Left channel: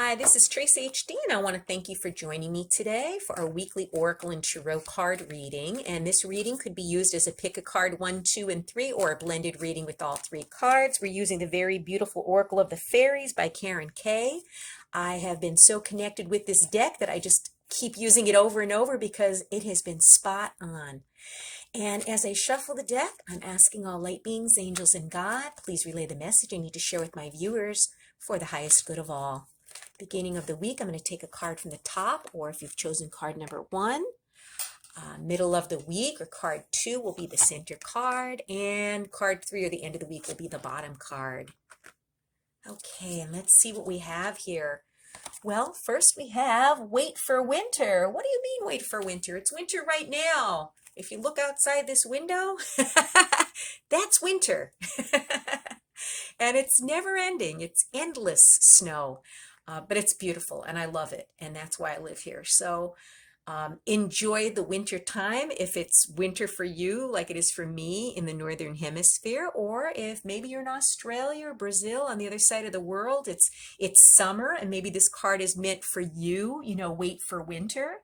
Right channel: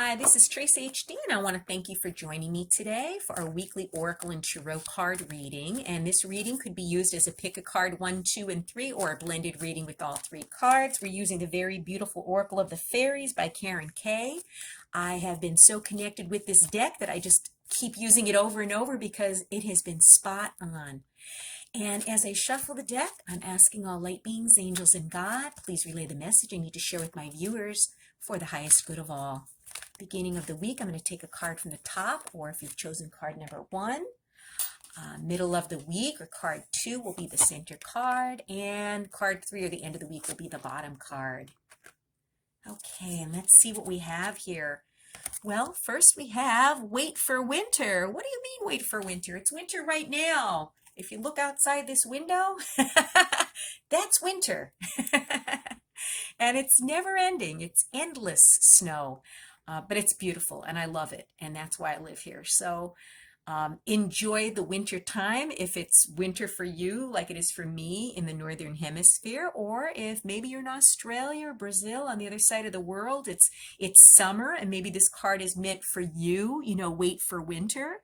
Hi, this is Traceyhd, and I want to thank you for joining me today for our weekly Oracle and Tarot card reading. And this reading could be used as a pick a card 1, 2, and 3, or a blended reading with all 3 cards. We're using the very beautiful Oracle of the Fairies by Karen Kay. I have been so connected with this deck that I just keep using it over and over because it has been spot on. And as I shuffle the deck, I'm asking all light beings, angels, and God, please relay the message I need to share with my viewers for the highest good of all. Beginning of the week, I'm going to take a card from the top, or if you've chosen card number 1. Middle of the week, or card 2, will be the center card, and card 3, or the end of the week, will be the bottom card. Okay, and let's see what we have here. Well, first we have wait for winter. What do you mean wait for winter? It's winter right now. If you look outside this window, that's winter. And it's never ending. It's endless snow. But it's beautiful and I love it. And that's why I live here. So enjoy the winter time if it's winter for you, like it is for me in the Northern Hemisphere, or if maybe you're in Australia or Brazil on the other side of the world, it's summer and maybe this card is meant for you, wait for winter.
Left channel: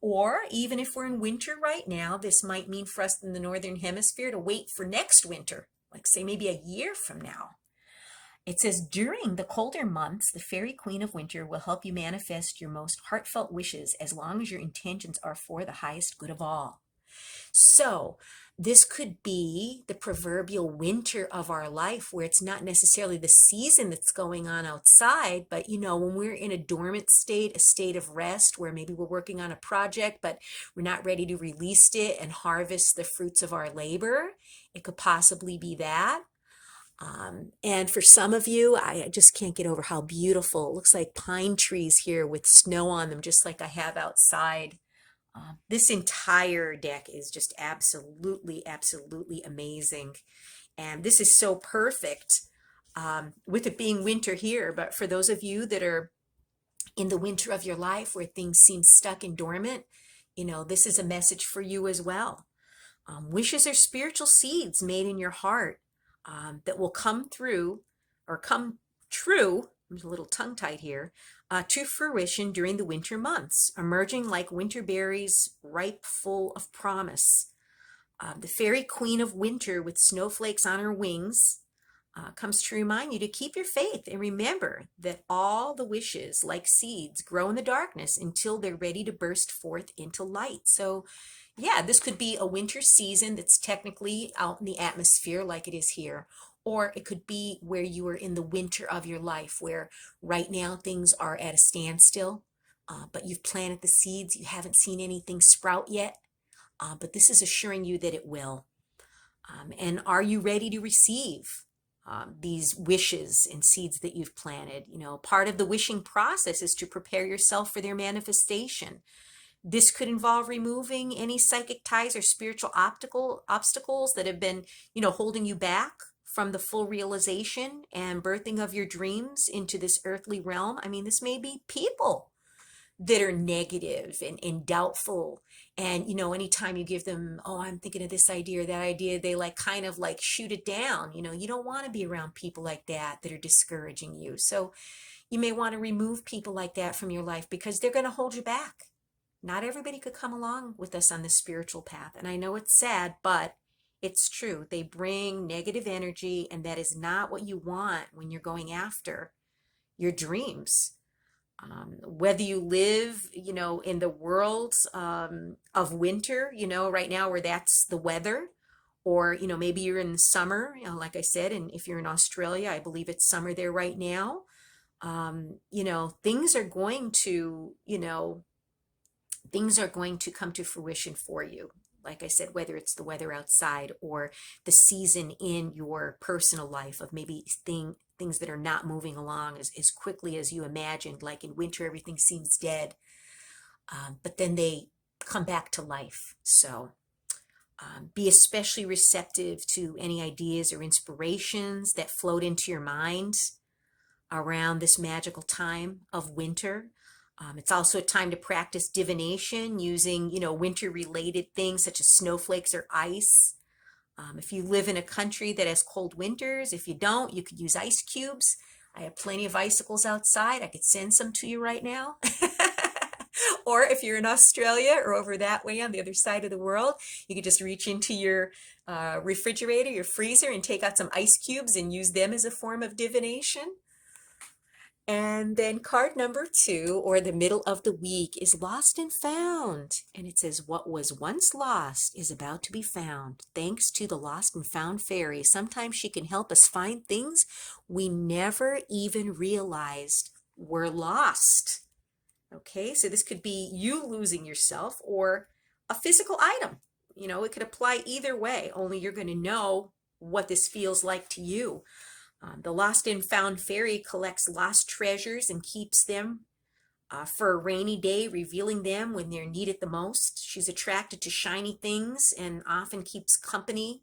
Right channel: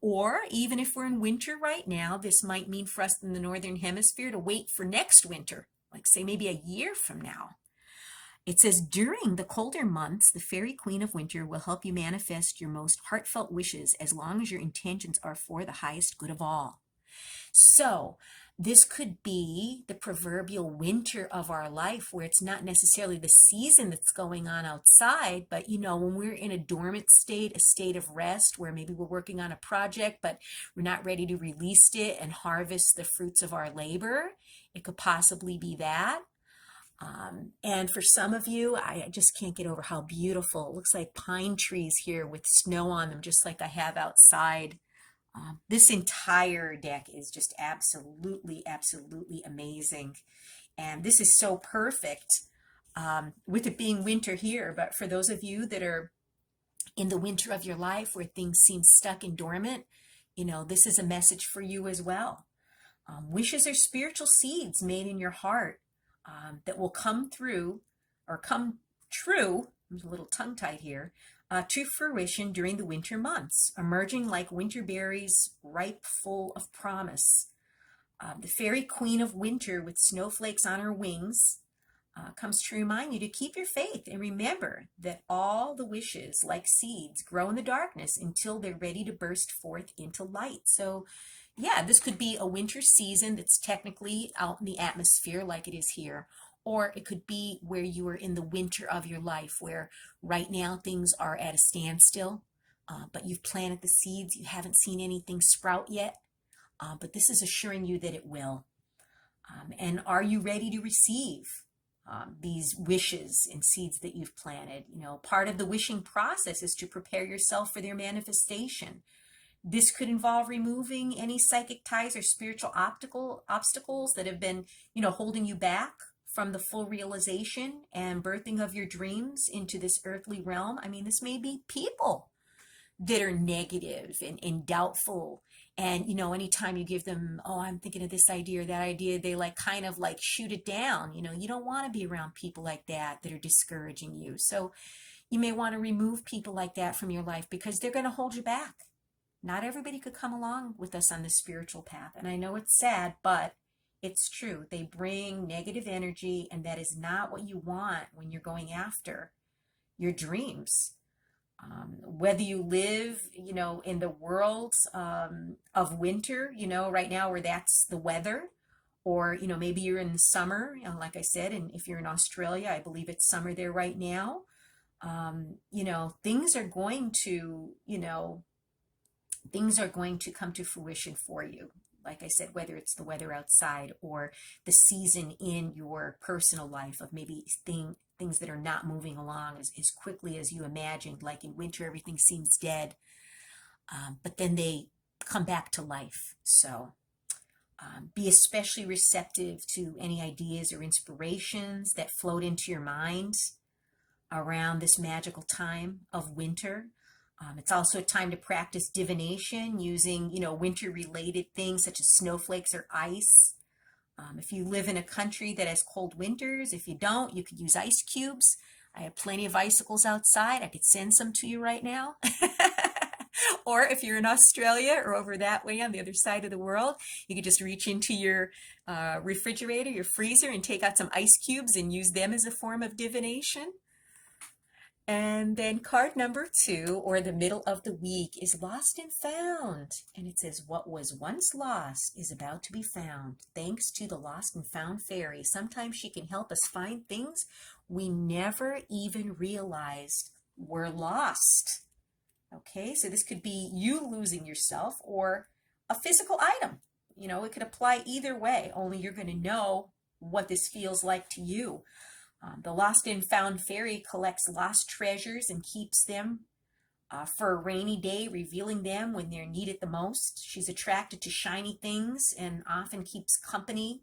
Or even if we're in winter right now, this might mean for us in the Northern Hemisphere to wait for next winter, like say maybe a year from now. It says, during the colder months, the Fairy Queen of Winter will help you manifest your most heartfelt wishes as long as your intentions are for the highest good of all. So this could be the proverbial winter of our life, where it's not necessarily the season that's going on outside, but when we're in a dormant state, a state of rest, where maybe we're working on a project, but we're not ready to release it and harvest the fruits of our labor. It could possibly be that. And for some of you, I just can't get over how beautiful. It looks like pine trees here with snow on them, just like I have outside. This entire deck is just absolutely, absolutely amazing. And this is so perfect with it being winter here. But for those of you that are in the winter of your life where things seem stuck and dormant, this is a message for you as well. Wishes are spiritual seeds made in your heart. That will come through or come true, I'm a little tongue-tied here, to fruition during the winter months, emerging like winter berries ripe full of promise. The Fairy Queen of Winter with snowflakes on her wings comes to remind you to keep your faith and remember that all the wishes, like seeds, grow in the darkness until they're ready to burst forth into light. So yeah, this could be a winter season that's technically out in the atmosphere like it is here. Or it could be where you are in the winter of your life, where right now things are at a standstill, but you've planted the seeds. You haven't seen anything sprout yet, but this is assuring you that it will. And are you ready to receive these wishes and seeds that you've planted? Part of the wishing process is to prepare yourself for their manifestation. This could involve removing any psychic ties or spiritual obstacles that have been, holding you back from the full realization and birthing of your dreams into this earthly realm. I mean, this may be people that are negative and doubtful. And, anytime you give them, oh, I'm thinking of this idea or that idea, they kind of shoot it down. You don't want to be around people like that are discouraging you. So you may want to remove people like that from your life because they're going to hold you back. Not everybody could come along with us on this spiritual path. And I know it's sad, but it's true. They bring negative energy, and that is not what you want when you're going after your dreams. Whether you live, in the world of winter, right now where that's the weather, or, maybe you're in the summer, like I said, and if you're in Australia, I believe it's summer there right now. Things are going to, things are going to come to fruition for you. Like I said, whether it's the weather outside or the season in your personal life of maybe things that are not moving along as quickly as you imagined. Like in winter, everything seems dead, but then they come back to life. So be especially receptive to any ideas or inspirations that float into your mind around this magical time of winter. It's also a time to practice divination using, winter-related things such as snowflakes or ice. If you live in a country that has cold winters, if you don't, you could use ice cubes. I have plenty of icicles outside. I could send some to you right now. Or if you're in Australia or over that way on the other side of the world, you could just reach into your refrigerator, your freezer, and take out some ice cubes and use them as a form of divination. And then card number 2, or the middle of the week, is lost and found. And it says, what was once lost is about to be found. Thanks to the lost and found fairy. Sometimes she can help us find things we never even realized were lost. Okay, so this could be you losing yourself or a physical item. You know, it could apply either way, only you're going to know what this feels like to you. The lost and found fairy collects lost treasures and keeps them for a rainy day, revealing them when they're needed the most. She's attracted to shiny things and often keeps company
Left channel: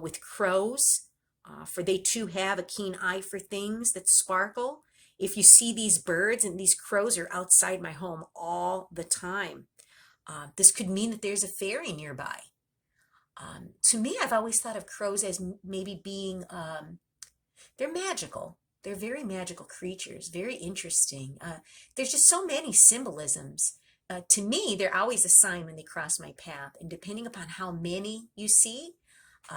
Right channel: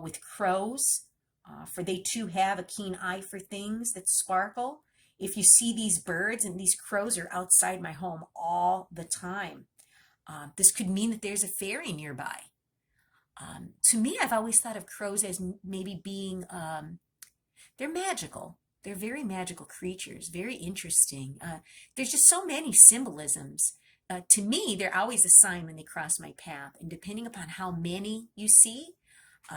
with crows, for they too have a keen eye for things that sparkle. If you see these birds, and these crows are outside my home all the time, this could mean that there's a fairy nearby. To me, I've always thought of crows as maybe being they're magical. They're very magical creatures, very interesting. There's just so many symbolisms. To me, they're always a sign when they cross my path. And depending upon how many you see,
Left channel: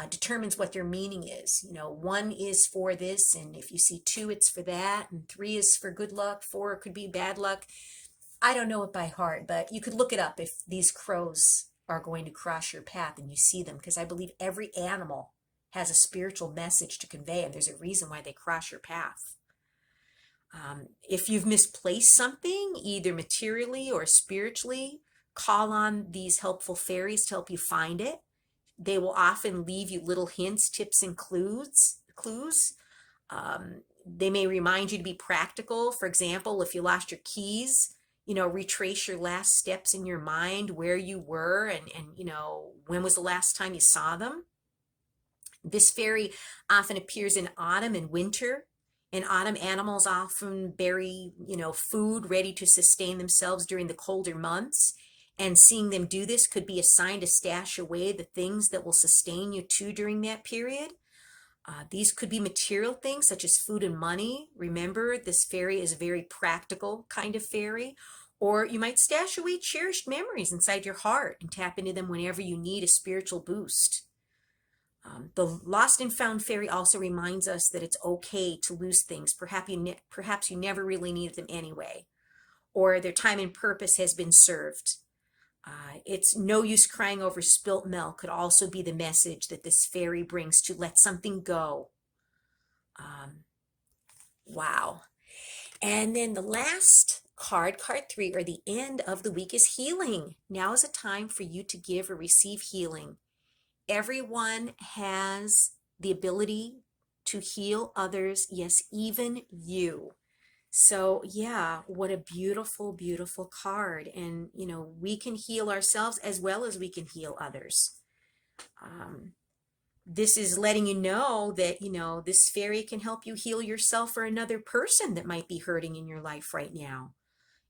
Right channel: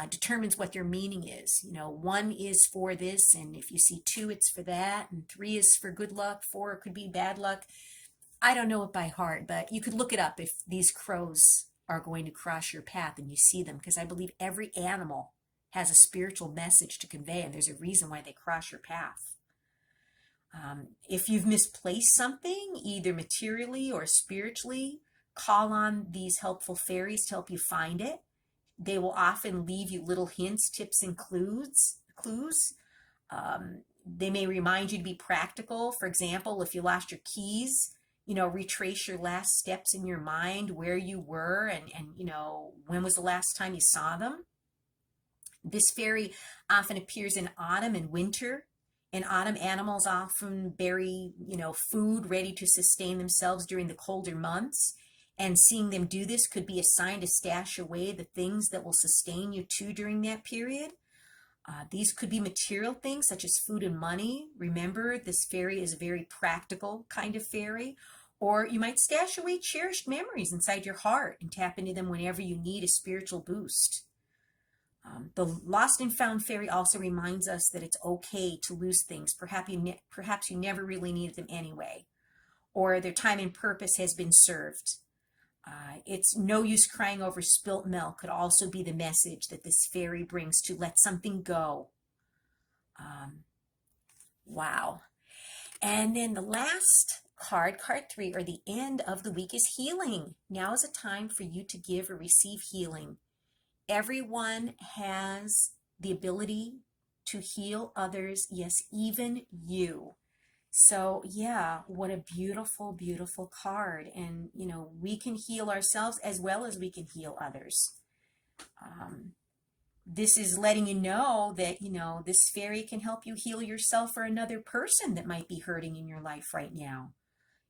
determines what their meaning is. You know, 1 is for this, and if you see 2, it's for that, and 3 is for good luck, 4 could be bad luck. I don't know it by heart, but you could look it up if these crows are going to cross your path and you see them, because I believe every animal has a spiritual message to convey, and there's a reason why they cross your path. If you've misplaced something, either materially or spiritually, call on these helpful fairies to help you find it. They will often leave you little hints, tips, and clues. They may remind you to be practical. For example, if you lost your keys, you know, retrace your last steps in your mind, where you were, and you know, when was the last time you saw them. This fairy often appears in autumn and winter. In autumn, animals often bury, you know, food ready to sustain themselves during the colder months. And seeing them do this could be a sign to stash away the things that will sustain you too during that period. These could be material things such as food and money. Remember, this fairy is a very practical kind of fairy. Or you might stash away cherished memories inside your heart and tap into them whenever you need a spiritual boost. The lost and found fairy also reminds us that it's okay to lose things. Perhaps you never really needed them anyway, or their time and purpose has been served. It's no use crying over spilt milk could also be the message that this fairy brings to let something go. Wow. And then the last card, card 3, or the end of the week, is healing. Now is a time for you to give or receive healing. Everyone has the ability to heal others, yes, even you. So yeah, what a beautiful, beautiful card. And, you know, we can heal ourselves as well as we can heal others. This is letting you know that, you know, this fairy can help you heal yourself or another person that might be hurting in your life right now.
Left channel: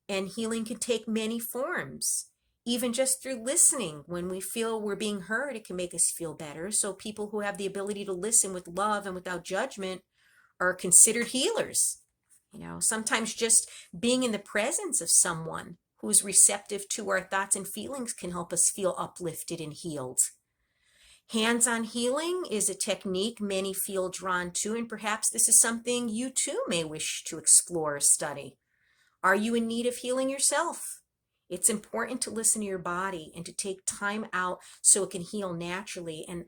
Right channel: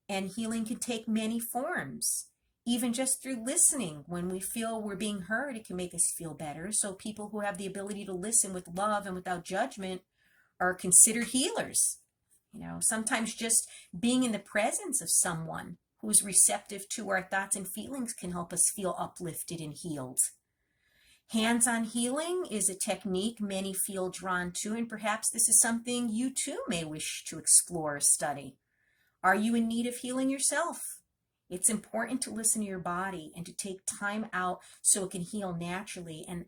And healing can take many forms. Even just through listening, when we feel we're being heard, it can make us feel better. So people who have the ability to listen with love and without judgment are considered healers. You know, sometimes just being in the presence of someone who's receptive to our thoughts and feelings can help us feel uplifted and healed. Hands-on healing is a technique many feel drawn to, and perhaps this is something you too may wish to explore or study. Are you in need of healing yourself? It's important to listen to your body and to take time out so it can heal naturally. And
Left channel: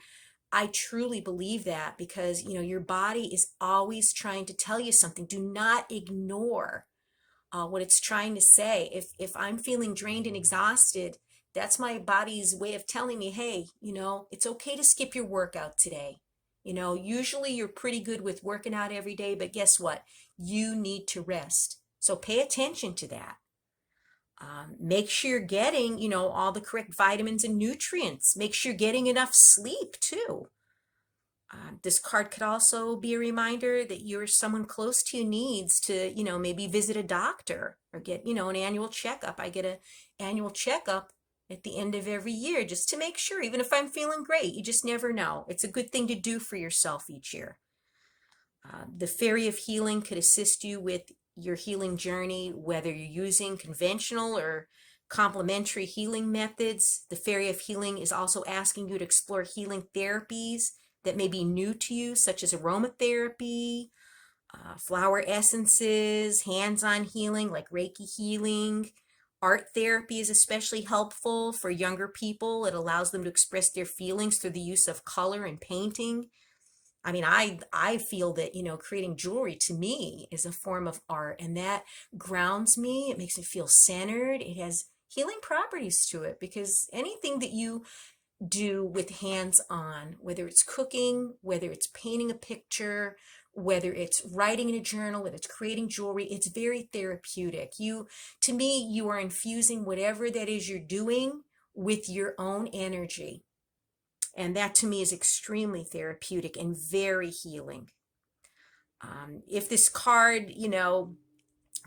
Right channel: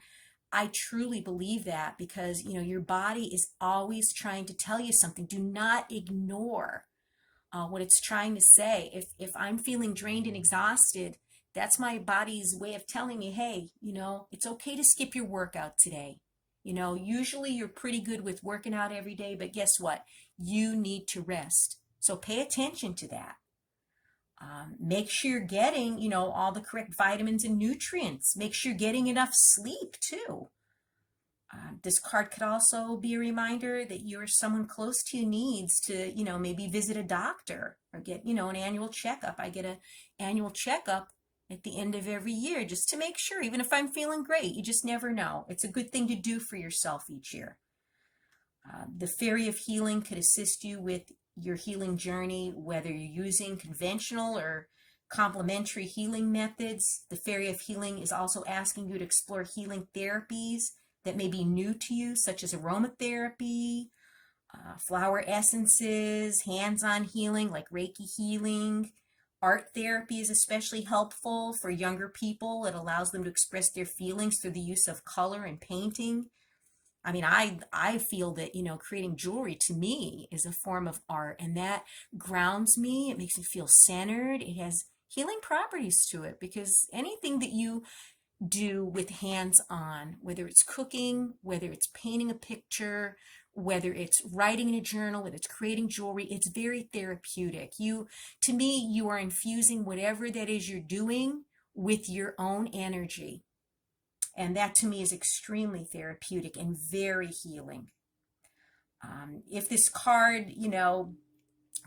I truly believe that, because, you know, your body is always trying to tell you something. Do not ignore what it's trying to say. If I'm feeling drained and exhausted, that's my body's way of telling me, hey, you know, it's okay to skip your workout today. You know, usually you're pretty good with working out every day, but guess what? You need to rest. So pay attention to that. Make sure you're getting, you know, all the correct vitamins and nutrients. Make sure you're getting enough sleep too. This card could also be a reminder that you're someone close to you needs to, you know, maybe visit a doctor or get, you know, an annual checkup. I get an annual checkup at the end of every year just to make sure, even if I'm feeling great. You just never know. It's a good thing to do for yourself each year. The Fairy of Healing could assist you with your healing journey, whether you're using conventional or complementary healing methods. The Fairy of Healing is also asking you to explore healing therapies that may be new to you, such as aromatherapy, flower essences, hands-on healing like Reiki healing. Art therapy is especially helpful for younger people. It allows them to express their feelings through the use of color and painting. I mean, I feel that, creating jewelry to me is a form of art, and that grounds me. It makes me feel centered. It has healing properties to it because anything that you do with hands-on, whether it's cooking, whether it's painting a picture, whether it's writing in a journal, whether it's creating jewelry, it's very therapeutic. To me, you are infusing whatever that is you're doing with your own energy. And that to me is extremely therapeutic and very healing. If this card,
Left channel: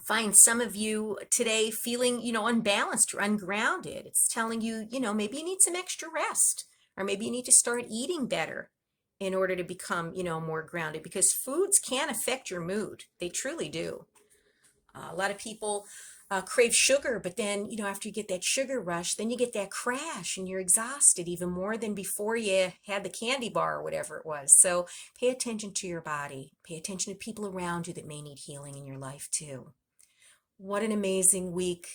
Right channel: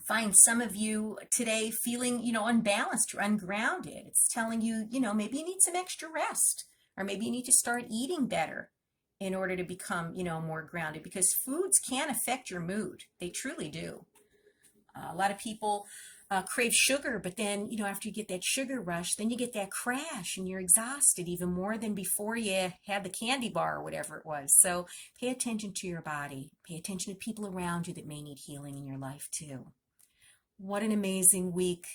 finds some of you today feeling, unbalanced or ungrounded, it's telling you, maybe you need some extra rest, or maybe you need to start eating better in order to become, more grounded, because foods can affect your mood. They truly do. A lot of people crave sugar, but then, after you get that sugar rush, then you get that crash and you're exhausted even more than before you had the candy bar or whatever it was. So pay attention to your body. Pay attention to people around you that may need healing in your life too. What an amazing week.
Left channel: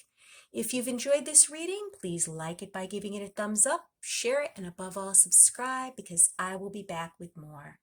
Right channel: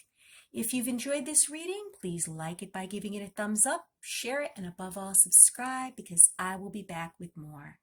If you've enjoyed this reading, please like it by giving it a thumbs up, share it, and above all, subscribe, because I will be back with more.